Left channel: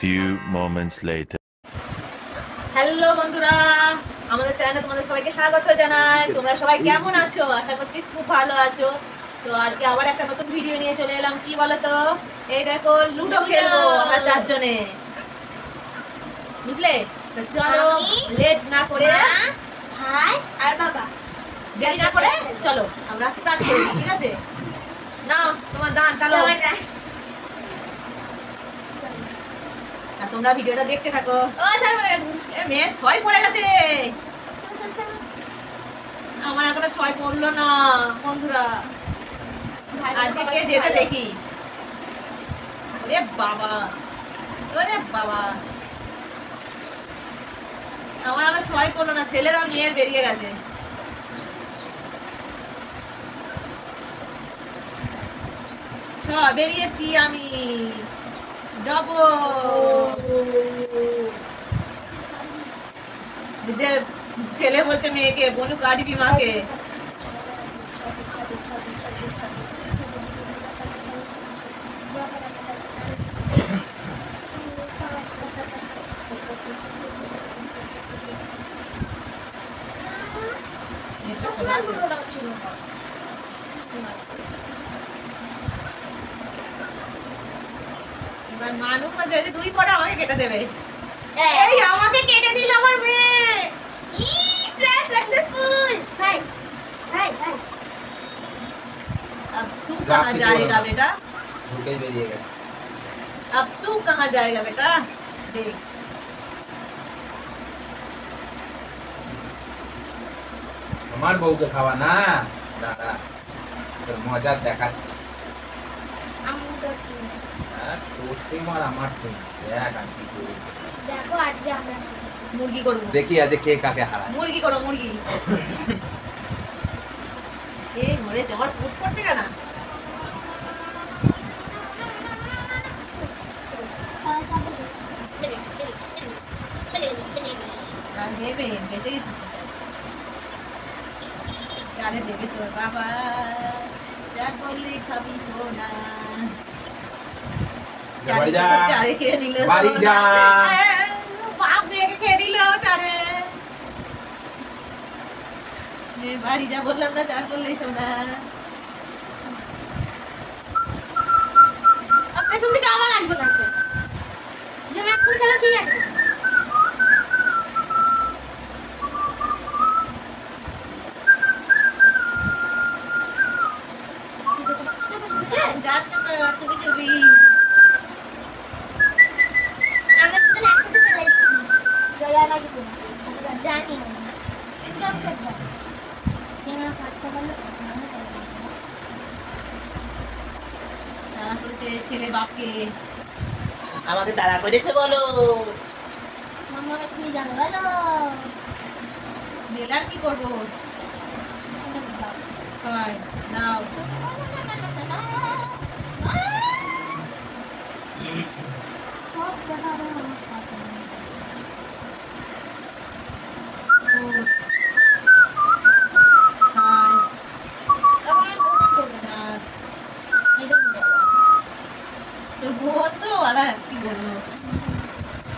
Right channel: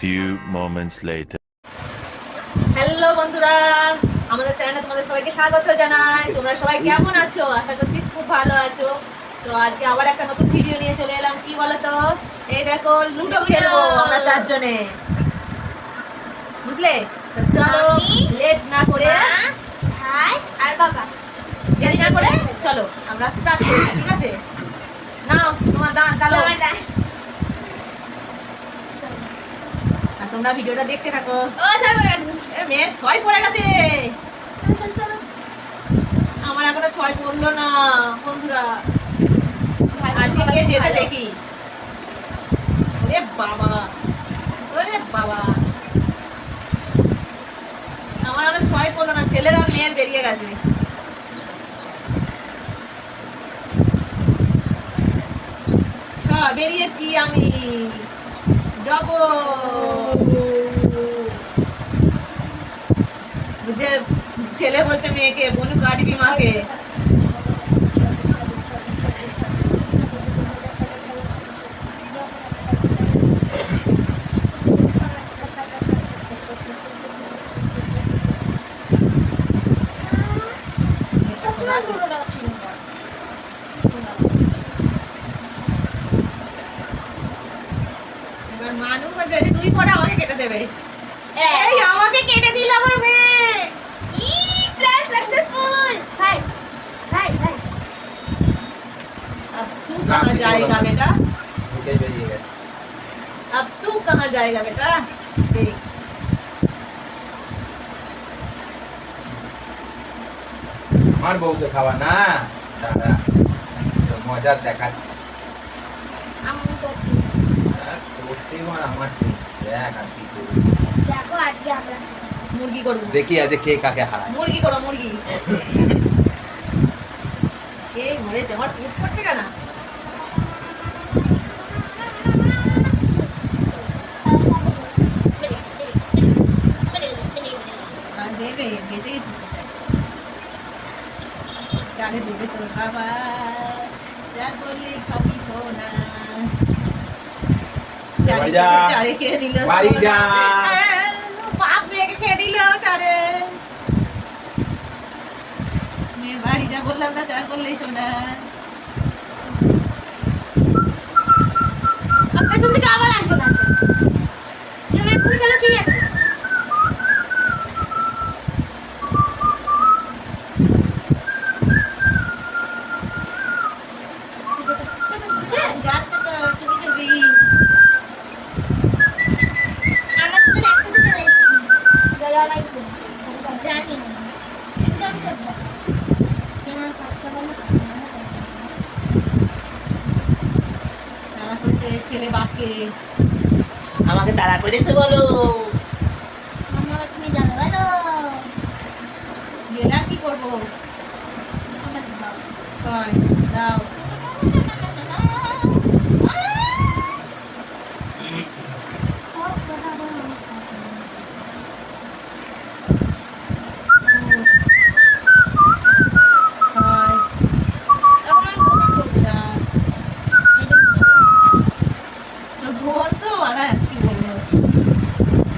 few moments later. Hello বন্ধুরা, আমাদের চ্যানেলে তোমাদের সবাইকে স্বাগত জানাই। তোমরা সবাই কেমন আছো? আশা করছি খুব ভালো আছো। তো আজকে আবার একটা নতুন ভিডিও নিয়ে চলে এলাম। কি বলো তো, এই দেখো লুডো খেলবো আমরা চারজনে, বুঝলে? তো চলো লেট না করে, ভাই আর বাবা দেরি না করে চলো আমরা স্টার্ট করি, ঠিক আছে? নাও তোমার দান চালো, আর তোমরা ভিডিওটা দেখতে থাকো। ও চল পড়ে গেছে। এ মেয়ে 6 পড়ে গেছে, চল চল চল আমার এখনো 6 পড়লো না বন্ধুরা। ভাই আজকে কে যেতে দেখি। ওরে বাবা, ওরে বাবা, আমার আরো 6 পড়লো না, ছেলের আর মেয়ের বেরিয়ে গেছে। বেরিয়েছি আমি, যে ছেলে বলছে মেয়েকে বনু কাটবি মাকে। এবার মানু যদি 2 পড়ে আমাকে কেটে দেবে। এই আমাকে কেটে দিল আমার মেয়ে। Plan successful. ভাই ভাই ভাই अब तू कहाँ जाएगा बेटा? ঢুকে বেরিয়ে গেছে। अब तू कहाँ जाएगा बेटा? देख আমার বউকে খাওয়া না, দাদা তোর মজা দেখাচ্ছি। আমি তো তোর টিম আর আমার টিম দেখ আজকে কি করি। দেখো আজকে আমরা मुर्गी করব। দেখি আজ কে কাকে হারায়। মুরগি করো মুরগি। এই মরে যাওয়ার পুট পড়ছে কেন? আর দেবে বেঁচে গেছিস বেটা। চারে দেবে তোর বাবা, যার বললে খাবি সোনা। চারে বাড়ি যা। চারে খেয়ে নিল বাড়ি যা। বাপ মেয়েকে খেয়ে নিল চারে। মেয়ে বাড়ি যা বললাম না, চার বললেই সোনা। পেছন থেকে আবার একজন আছে, যে মেয়ে কোন খেলা শুয়ে আছে। যাচ্ছে তো তুমি তুমি। আমরা দুজন একসাথে চলে এসেছি। গলা লাগবে জানি না, কিন্তু আমি তো কেন কাটতে পারলো। তারা করেছে ছেলে বাপকে। আমাকে তাড়া করেছে বলো। আমার তুমি জানো বলো। গেলে আর কি করবো? হয় দাও। সব কথা আমার হয় এখন আমি বলতে করবো দাও। এটা তো বোন তো আর কি বলবো?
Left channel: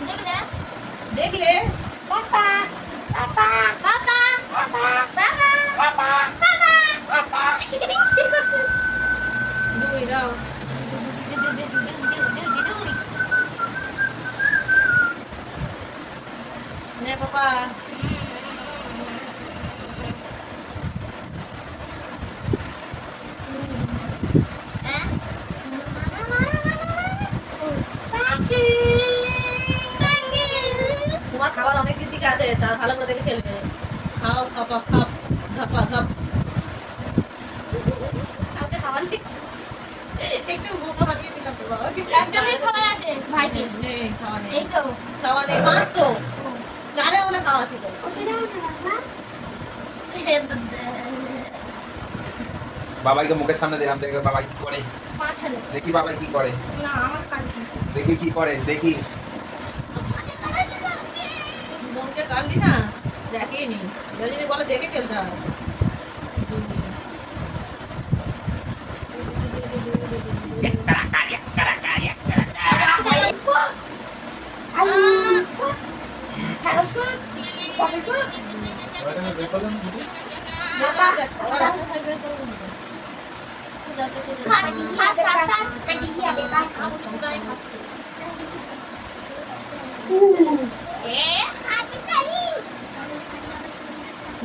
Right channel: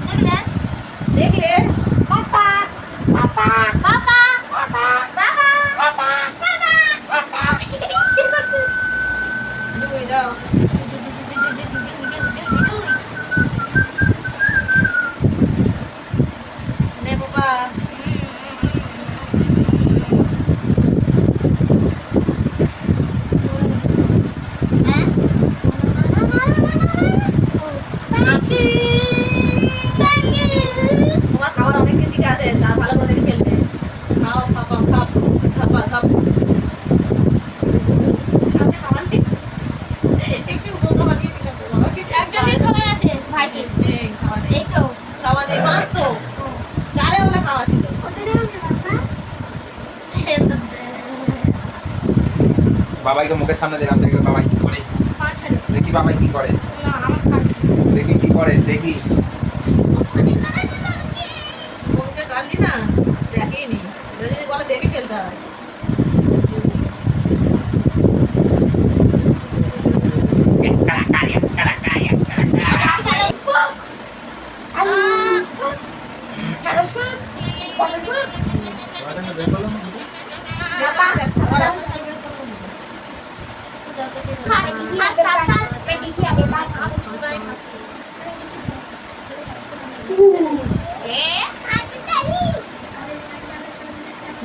দেখলে দেখলে পাপা পাপা পাপা পাপা পাপা পাপা পাপা কি করছিস? দুই দাও। নে পাপা। তোমার খাবার অনেক দিন থেকে আছে, তার ভালো করে দেখে খেলবে। খাও খাপা খাপ খাপা খাপ। একটু বোকা বানিয়ে দিলাম তো বাবা। একজনের খাবার আছে ভাইকে। নেই খাওয়া নেই। এই তো খাওয়া নেই, মাছ তো চালে ওলা খাওয়া ছিল। ওটা দাও না বাবা। বাবাইকে মুখের সামনে দিলাম, দেখে বাবাই কি করে। পাঁচ হাজার দেখি বাবাই কি করে, না আমার কাছে দেখি কি করে, দেখি। বোনকে কাটলি না, দেখেনি। যদি বলে দেখে খেলতে হবে।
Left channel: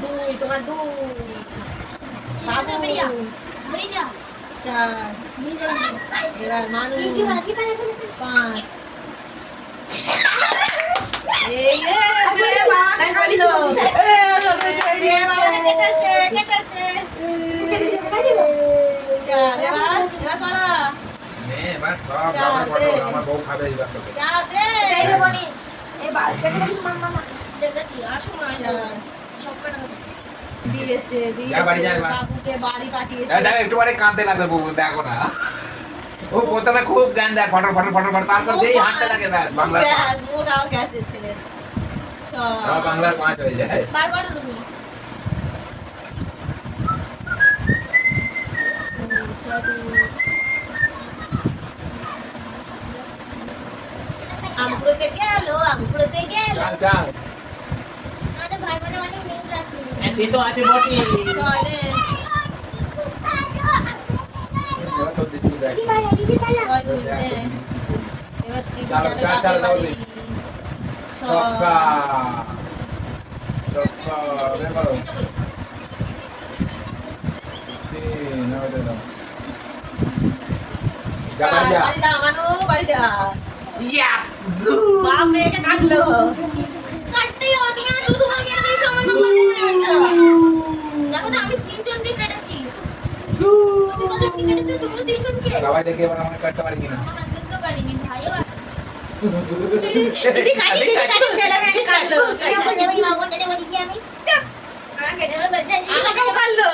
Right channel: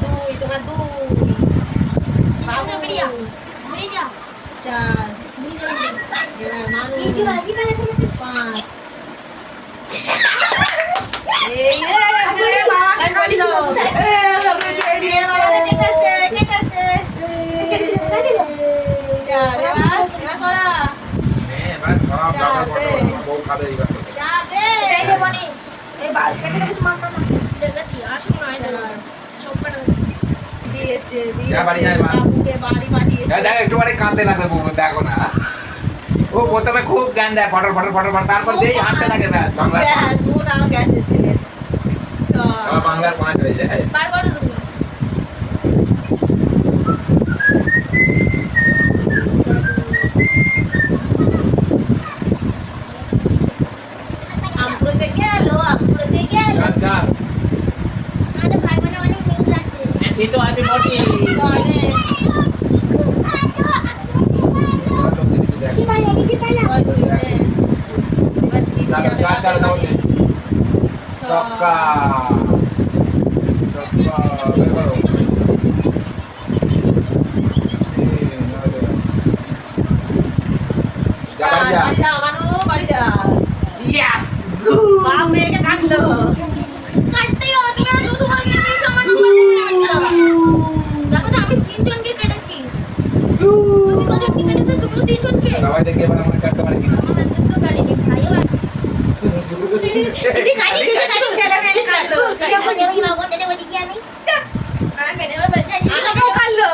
দুই, তোমার দুই। বাবু, চার। এবার মানু, পাঁচ। এই রে, বিয়ে বাবাকে কাটলো। বিয়ে বাবাকে কেটেছে, কেটেছে। চার, এবার সরা। নে, এবার সব বাবার ফটো আমার বউ খাবে এইবার তোকে। চার দে। দিয়েছে, যা বাড়ি যা দিয়েছে। এবার। বাবুকে বাড়ি পাঠিয়েছে। দেখ একটু বারে কাঁদতে লাগবে বউ, দেখো না। ও প্রথমে খুব গান দেয় ফটো ফটো ফটো ফটো, তারপর যেই হাঁটতে লাগে ব্যাস বাংলার পাঁচ। ব্যাস, মুড আমার গেছে ছেলের। ছয়। সব বাংলার 5 হয়ে যায়। আমপুরতে গেল, আমপুরতে গেল। চার চার। আমাদের ভাই বোনের অনেক মিল আছে। সে তো আছে বটে। চলে। এবার তোর দিদি দেখ। ছয় দুই, হ্যাঁ। এবার দিদি চালো, যাবে চার, চার বাপের দাও বাড়ি। দিদি। ছয়। ছক্কা। ছক্কা, বের করো। যা বাড়ি যা। বাড়ি যা, মানু, বাড়ি যা। Yes! বাপ মেয়েকে কাটলো। কাটতেই হবে, তুমি আর দুবার কেটে দিয়েছো, আমার নাম্বার কমে যাচ্ছে। দেখো তো আমি 3 জনকে কেটেছি। তুমি কতজনকে কেটেছো? তুমিও 3 জনকে? সবাই দেখে এবার আমরা কাটতে পারি কিনা। আমার একজন তো কাটেনি, ভাইও এক। দিদি কাটি, দিদি কাটি, ছেলে মেয়েকে কাটলো। আমাকেও কাটলো।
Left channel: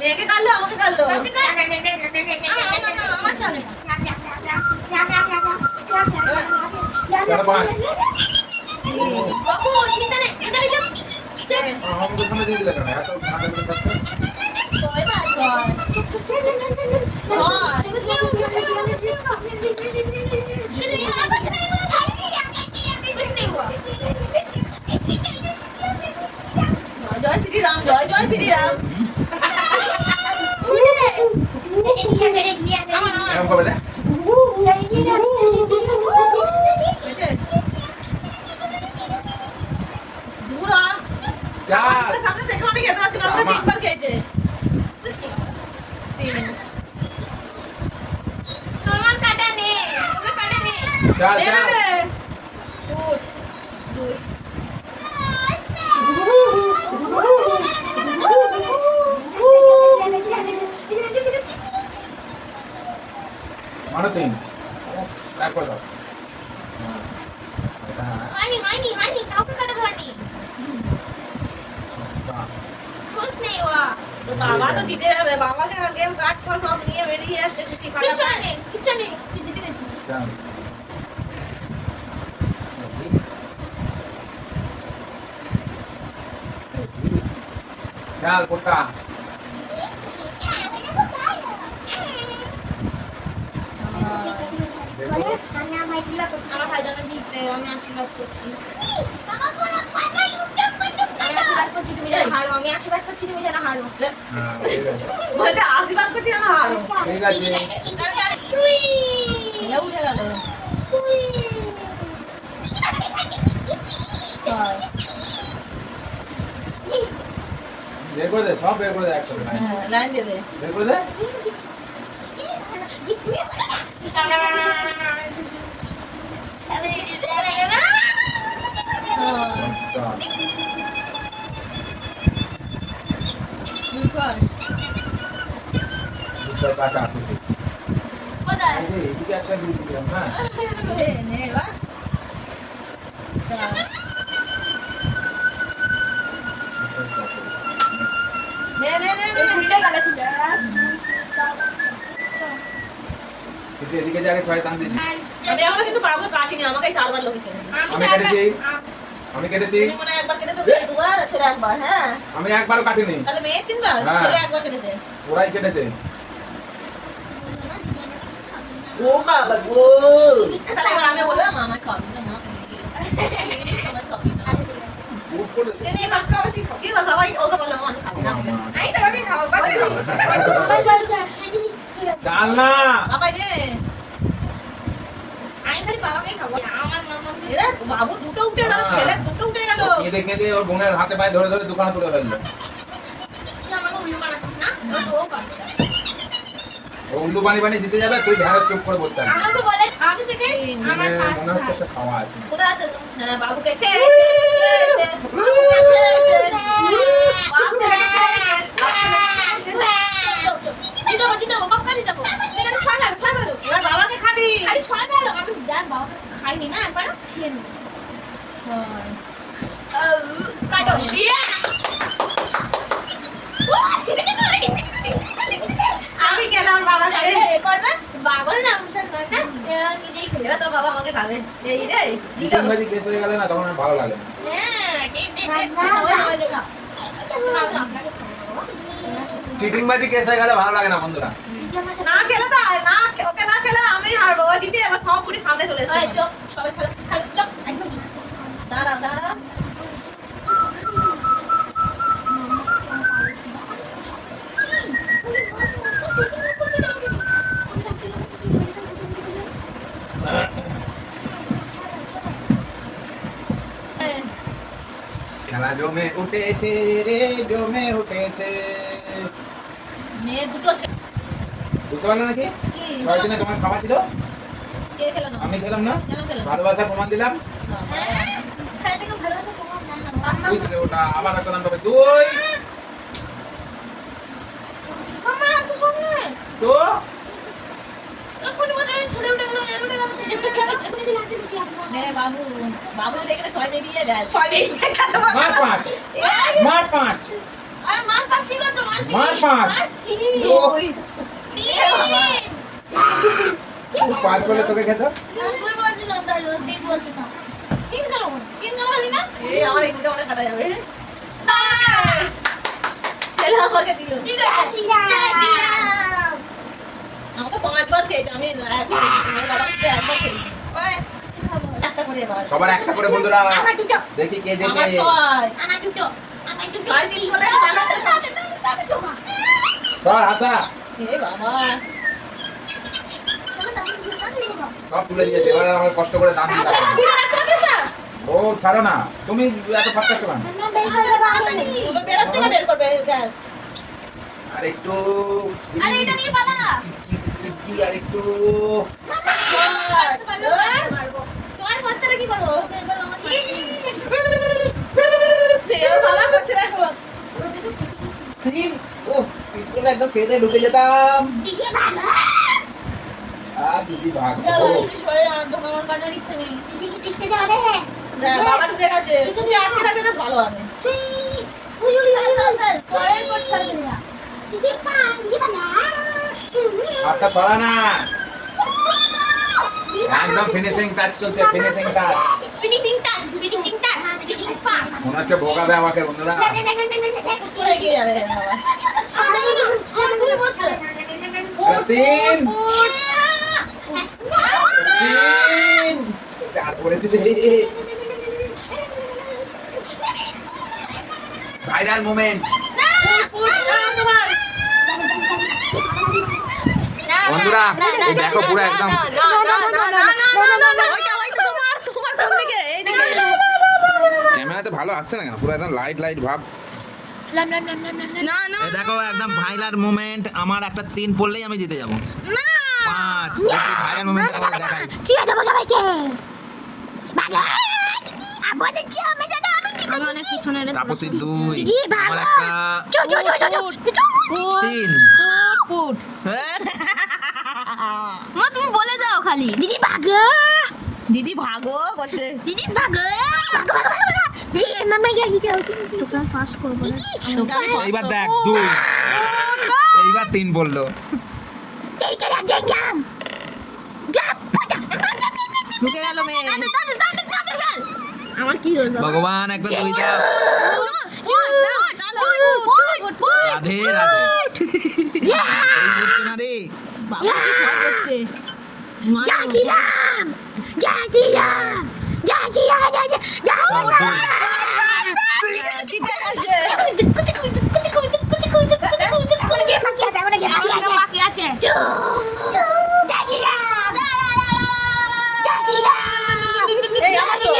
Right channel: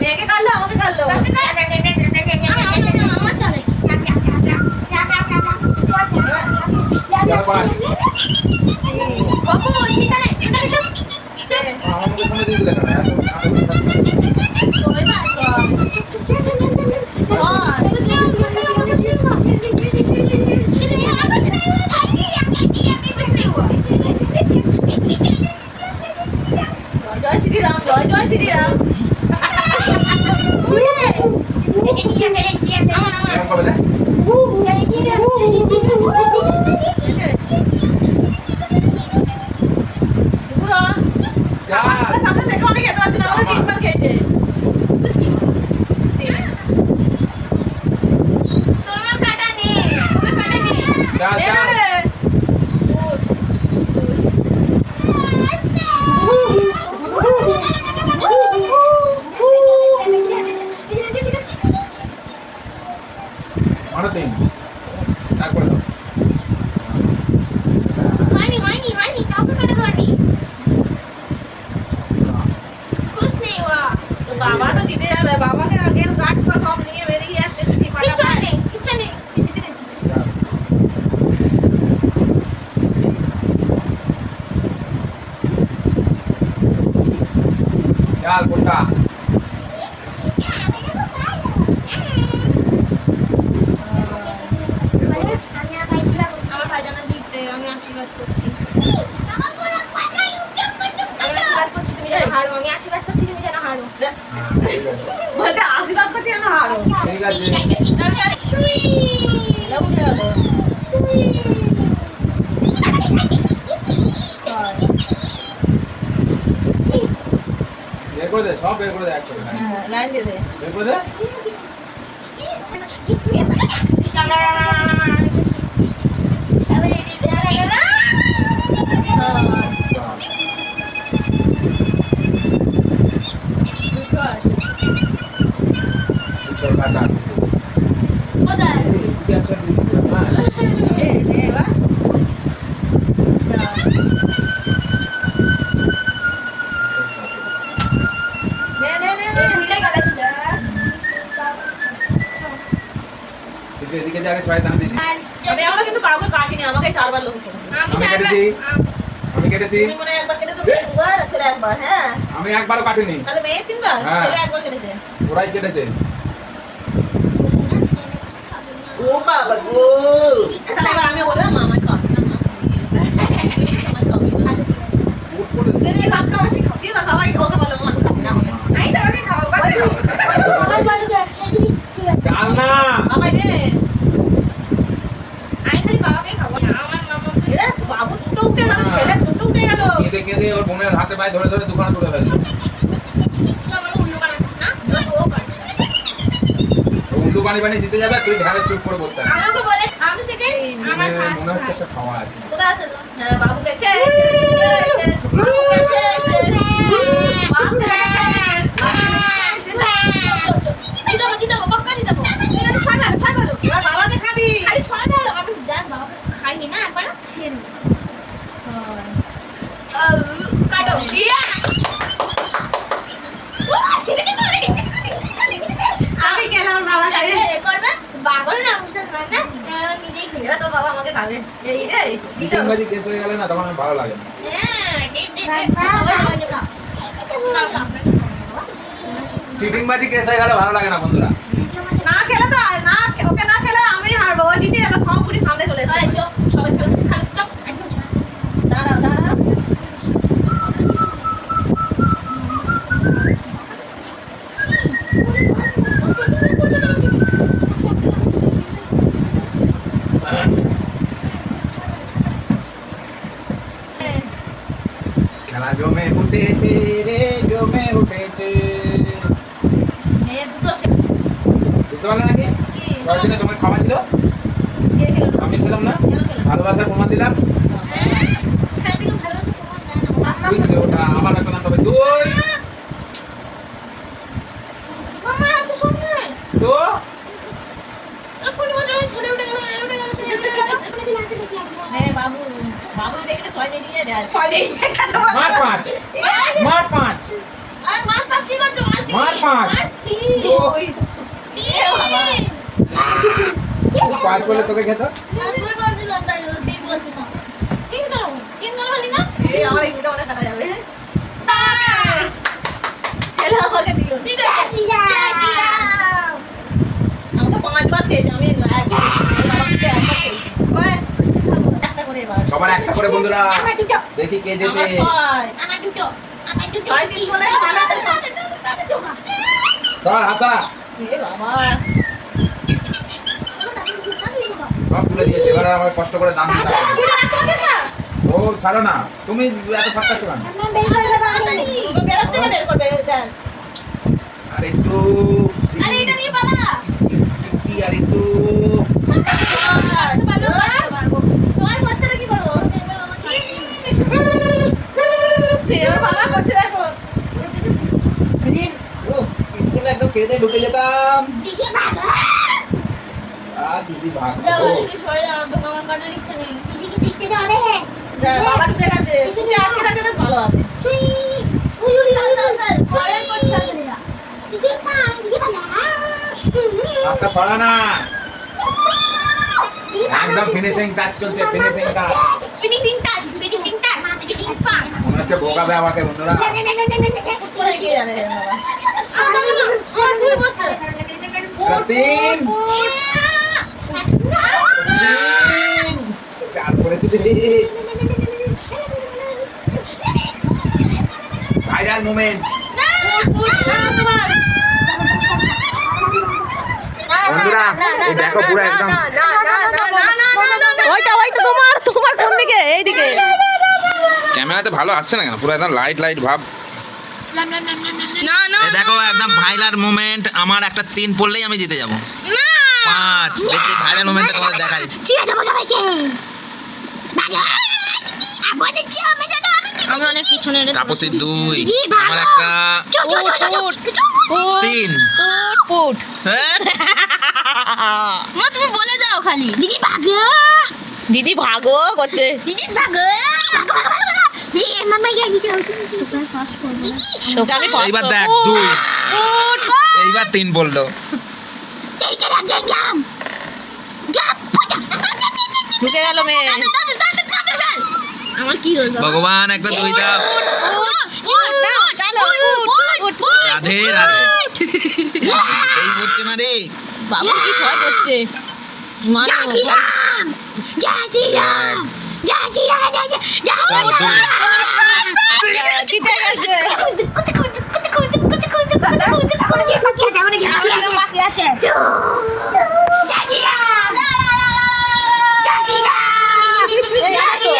মেয়েকে কাটলো, আমাকে কাটলো। আমার চালে। যারা পাঁচ। তিন। বাবু, চিন্তা নেই, চিন্তা নেই, চুপ। চুপ। আমাকে সামনে দিয়ে দিলে কেন? এবার। ছয়। ছয়। कुछ नहीं हुआ, कुछ नहीं हुआ, कुछ नहीं हुआ। कुछ नहीं हुआ, कुछ नहीं हुआ। कुछ नहीं हुआ। জয় শ্রীরাম, জয় জয় শ্রীরাম। उड़े। अमन, এরকম अमन। করবে না? দূর হ। চার। আমার সামনে থেকে আমি খেতে পারছি না, আমাকে তিনবার খেয়েছে। कुछ नहीं हुआ। তিন। তোমার কাটা নেই, তোকে কাটা নেই। চার, নে চার। রে। উঠ, দুই। মারো তিন। তারপর দাও। হয়নি, হয়নি, হয়নি, কাউকে কাটা হয়নি। कुछ नहीं हुआ। তো বাবা তো জিতে যাবে, বাবাকে আগে কাঠ ফাট সব নিয়ে বেরিয়ে যাচ্ছে। কিচ্ছু নেই, কিচ্ছু নেই, তুই জিতে গেছিস। চার। চাল কোটা। আমার ভাই জানা জিততে, আমি আশীর্বাদ করছি। আমি আশীর্বাদ করছি তুমি যেন হারো, আমি আশীর্বাদ করছি তুমি যেন হারো। হ্যাঁ, ঠিক আছে। বলছে আশীর্বাদ করছি যেন হারো। ঠিক আছে। চল চল সুই এটা উঠে গেল। সুই। ছয়। বের করে দে, সব বের করে দে একসাথে। হ্যাঁ, লাইন দিয়ে দে। বের করে দে। ছয়। দুই ছয়। দুই কাটা। কোথায়? এদিকে একটা দিয়ে দিচ্ছিলাম, হ্যাঁ। নে, নে এবার। চার। নে, নে, নে, নে। কিন্তু এদিকে যে আগে 6 দাম দিচ্ছি। আমি আমরা কিন্তু কাউকে কাটিনি, আমাকে 4 বার লোকে কেটেছে। আমি কেটেছি। আমি কেটেছি। তুমি মনে হয় একবার কেটে তো মেয়ে দুবার, ছেলে একবার, হ্যাঁ। আমি একবারও কাটিনি। তাহলে মেয়ে 3 বার, হ্যাঁ। ছেলে একবার কেটেছে। ওরাই কেটেছে। ও বাবা গো। তাহলে এবার আমি বললাম মা আমায় খাওয়াবি না, মা আমায় খাওয়াবি না। উঠ করে তুমি কাটকা বেশি খাও। ঠিক আছে, সবাই ওকে বলো আমি খাবি না। উঠে গেল, ছেলে দুটো উঠে গেল। কেঁদে কেঁদে ওর বোনের হাতে পায়ে ধরে ধরে দুখানা তুলে ফেললো। তুই আমাকে উল্লু বানাচ্ছিস না? এবার তোও কর। ও উল্লু পানি পানি দিতে যাবে তুই ধ্যানে চুপ করে বসতে থাকবি। আমাকে বলে আমি থেকে আমার ফার্স্ট মনে হচ্ছে একটা খাওয়া আছে। কোথায় আছে? হ্যাঁ, বাবুকে খেয়েছে, খেয়েছে, বাবুকে খেয়েছে, বাবুকে খেয়েছে। দিতে পাক্কা দিতে এটা ছয় ভালো এবার বাবাকে খাবি। খালি ছয় ভালো আমি দেখ বাবাকে খাইনি না একবার খেয়ে নি কাটো ইয়া আমি খেলাম বাবাকে। করবে পাগল না মুসল না নিজেই খেলে এবার তোর বাবা আমাকে খাবে। এই রে, দিল। চিটিংবাজি কেস হয়ে গেলে না তখন আর ভালো লাগে না। চিটিংবাজি কেস হয়ে গেলে ভালো লাগে না বন্ধুরা। না খেলে তো না, ওকে না খেলে আমি হারবো। ও জিতে এবার সব পুরি সামনে চলে এসেছে। সবাই খেলো চপ একদম দাঁড়াও দাঁড়াও। খেলা জমে উঠেছে রে, জমে উঠেছে। দুটো ছেলে। বুঝতে পারলে নাকি? কি? ছয় দিনে তোমার খাওয়া ছিল, কে খেলো না? আমি খেলাম না। কেন খেলো না? ভালোবাসার প্রমাণ দিলাম। খেলা থেকে ভালোবাসা প্রমাণ দেয় না তুই ছিল ওটা আমার আসলাম তবে তুই মামা এত শুনে তো এক্ষুনি বলতে ছেলে উঠে গেল এর উঠে গেল এর উঠে গেল এক্ষুনি লাস্টে গেছি হ্যাঁ বাবু, বাবু দেখে ছয় বেরিয়ে যায়। ছয় বেরিয়ে গেছে। মার পাঁচ, মার পাঁচ, আর মার পাঁচ কি করছো মার পাঁচ। দুই। এ বাবা। তুই পাঁচ বলে তোকে খেত। তুই বলছিলাম তাই তিন বলছিলাম তিন গেল বলি না এই আমার এই দুটো মনে কাটা যাবে। ছেলে আমাকে দিল। ঠিক আছে আমাকে 5 বার খেয়েছে, আমি একবার বাবা থেকে একবার খেয়েছি। ওই খুশি খাবো একটা করে এবার। সবার একটা করে বন্ধুরা আমার দুটো দেখি কে আমার জেতে। ছয়। আমার দুটো ছয় দিন বলে সর হাসা এ বাবা। সব তুলে দিয়েছে, এবার আর আমার কষ্ট করে দাম দিতে হবে না। দুটো রাখতে পারছিস না? ও ছাড়ো না, তুমি এত ফাঁকাচ্ছ কেন? দুটো বেরোচ্ছে না, বের করবে দেখ। আর একটু আরে এটা নিয়ে পালা কি আর একটু তোমার বাচ্চারা কি করবো? এবার বাবা করছে দেখো। উফ, একটু একদম খেতে ঢুকে যেতাম। দিকে ভাগা আর দিদি ভাগ তুই সরে যা তোকে আমার কাটার ইচ্ছা নেই দিদিকে দেখতে দাও রে দেখ, বাবা ঢুকে গেছে। তুমি আটকে থাকলে বেশ ভালো হবে। হাতটা সরা না, একদম ফিনিশিং টাচ চলছে, finishing touch. Finishing touch cheating পাক মনে হচ্ছে ভোগাবে আমাকে বন্ধুরা। করে এগিয়ে যাবে বাবা। আমার দুই বছর তিন তিন চার করেছি দিদি। ভাইরাল মোমেন্ট বন্ধুরা, এই দেখো পুরো একদম ওইটা তোমার কোন দিকে? এইদিকে। ক্যামেরাতে ভালো আসছে না কেন, পুরো একদম লাইট লাইট ভাব। না না এই দেখো একদম ভাইরাল মোমেন্ট। আমার একটা 3 পড়লেই আমি জিতে যাব। না 5 দেখি ভাইরাল মোমেন্টটা তোমাদের দেখাই। চিয়া যাবো সবাইকে আমি অনেক পিছনে তাপসী 2, আমার একটা 3। পুট। মা তুমি বলে যাও খালি দিদি ভাগো দিদি ভাগো করছে। দিদি ভাগো দিদি মামা গিয়ে দিদি তোকে ফার্স্ট করব না তোকে আমি এইবার দেখ 2, এইবার 3 পড়লো। চেষ্টা রাখ গেলাম ঢুকে গেল মেয়ে। আমার কি হলো ভগবান একটা 2 দাও। রাধে রাধে। এই হচ্ছে না রে। বাবু কি ছয় করছে? চার, 2। জিতে গেছে। বাকি আছে এই আসো।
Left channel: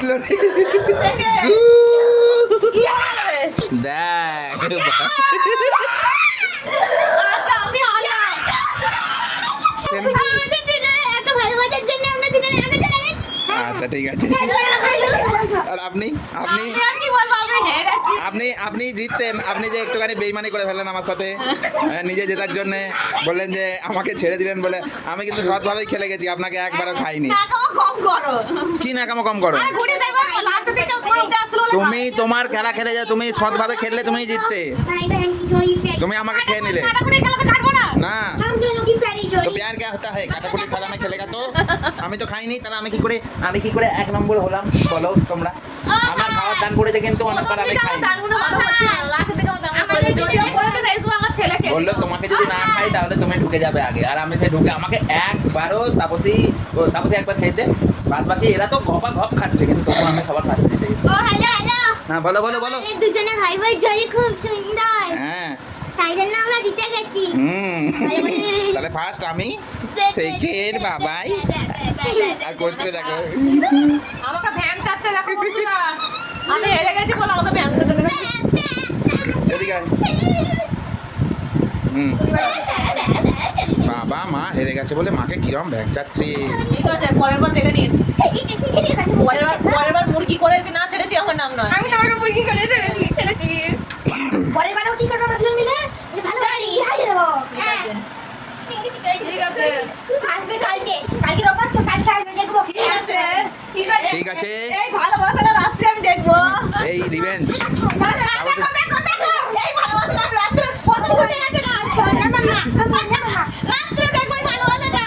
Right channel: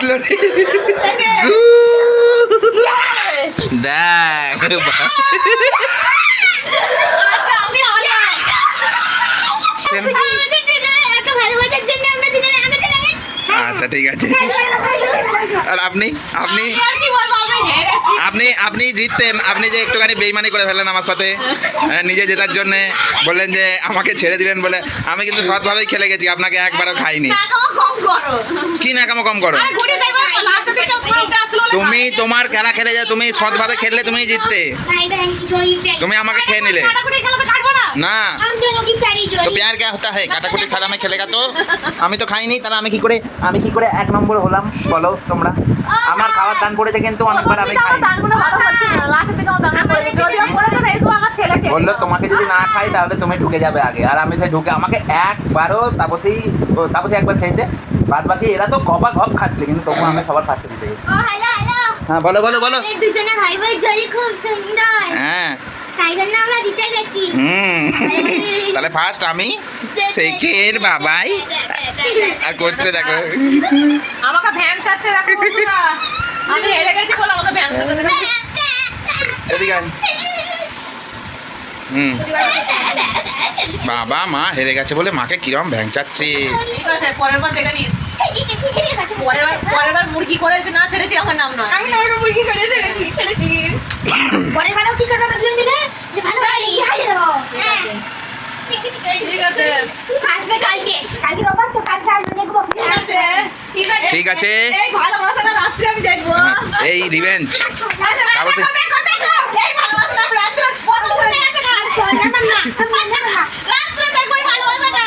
জিতলো রে দেখ আমি অনলাইন আমাদের দুজনে একটা ভালোবাসার জন্য আমরা দুজনে আগে চলে গেছি। আচ্ছা ঠিক আছে আর আপনি আপনি আর কি বলবো আমি হেরে গেছি আপনি আপনি জিততেন আপনি যে একটুখানি বেইমানি করে ফেললেন আমার সাথে নিজে জেতার জন্য বললেন যে আমাকে ছেড়ে দিলেন বলে আমি কিন্তু সৎভাবেই খেলে গেছি আপনাকে একবারও খাইনি টাকাও কম করো কি নাকামো কম করো আর ঘুরে যাইবা লাস্ট থেকে পুরোটা আসলো তুমি তোমার খেলা খেলে যা তুমি সৎভাবে খেললে তুমি জিততে भाई बहन की जोड़ी पे তুমি আমাকে খেয়ে নিলে কাটাকুটি খেলা তো কাটবো না না हम दोनों की प्यारी তো जोड़ी প্যার কে হতা है কাটাকুটি খেলা আমি খেলেগা তো আমি তো খাইনি তাহলে আমি কি করে এক নম্বর হলাম বলো তোমরা আমার খাওয়ার দান পড়েছে কিন্তু অনেকবার আমি খাই দানগুলো ভালো হচ্ছে না লাস্ট থেকে আমার দান করে যদিও পড়েছে তাই তো আমার ছেলেকে বললো তোমাকে যদি না খাই তাহলে তুমি ঢুকে যাবে আগে আর আমি সে ঢুকে আমাকে একবারও তাপসী একবার খেয়েছে বাদ বাকি এরা তো ঘপা ঘপ খাচ্ছে কিন্তু তবু আমি সবার ফার্স্টে জিতে গেছি ओ हेलो हेलो হ্যাঁ বলো বলো বলো এই দুজনে ভাই ভাই জড়ি খুব সুন্দর হ্যাঁ তাই জন্য আমরা জিতে গেছি তাহলে ফার্স্ট আমি সেকেন্ড বাবাই আর করতে দেখো আমাকে ভ্যান কাটতে দেখো বন্ধুরা। আমি হেরে গেছি বলে আমাকে ভ্যান কাটতে দেখো এদিকে আয়। বাবা মা হেরে গেছে বলে মাকে কিরম ভ্যাংচাচ্ছে ঠিক আছে পরের বার দেখে নিস পরের বার মুরগি করে যদি না ছেড়েছি আমার নাম না আমি নরম মুরগি করে ছেড়েছি পরের বারও কি করবে দুজন মিলে যে ভালো ভালো হারিয়ে দেবো ঠিক আছে আসবে কালকে রোববার তো কালকে আসবে দেখবো ঠিক আছে ঠিক আছে এই ভালোবাসাটা রাত্রে আমি দেখবো এই রিভেঞ্জ দেখো, দেখো, দেখো, এই ভালোবাসাটা আমি রাত্রে কত ফুটে গেছে গান। রাত্রে দেখবো এই ভালোবাসাটা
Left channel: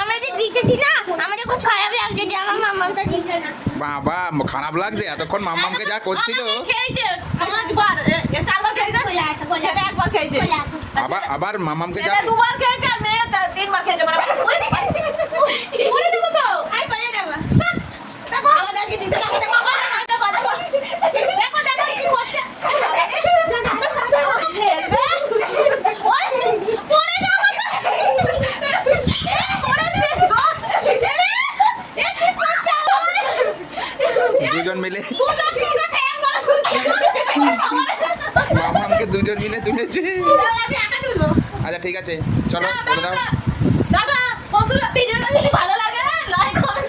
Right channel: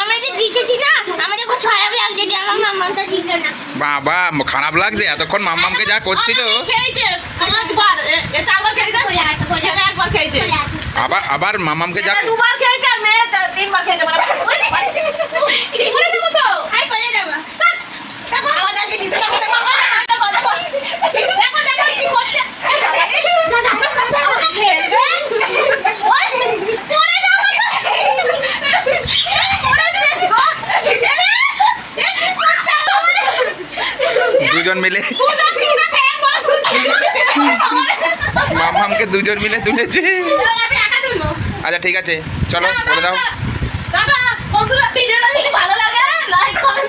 আমরা যে জিতেছি না আমাদের খুব খারাপ লাগছে যে আমার মামাটা জিতে না বাবা খারাপ লাগছে এতক্ষণ মাম্মামকে যা করছিল খেয়েছে পাঁচবার এ চারবার খেয়েছে চলে আসো, চলে ছেলে একবার খেয়েছে চলে আসো। আবার মাম্মামকে যা ছেলে দুবার খেয়েছে আর মেয়ে তিনবার খেয়েছে মানে উড়ে যাবো তো আর করে দেবো দেখো আমাদেরকে জিতে যাবো দেখো দেখো দেখো দেখো দেখো কি করছে খেলবে ওই পড়ে যাবো তো পড়েছে গো এ কি করছে আমার দুজন মিলে পুরো ঠ্যাং করে খুঁজছে মাম্মামকে দুজন মিলে তুলেছে আমি একা তুলবো আচ্ছা ঠিক আছে চলো বলে দাও দাদা বন্ধুরা ভিডিওটা যদি ভালো লাগে লাইক কমেন্ট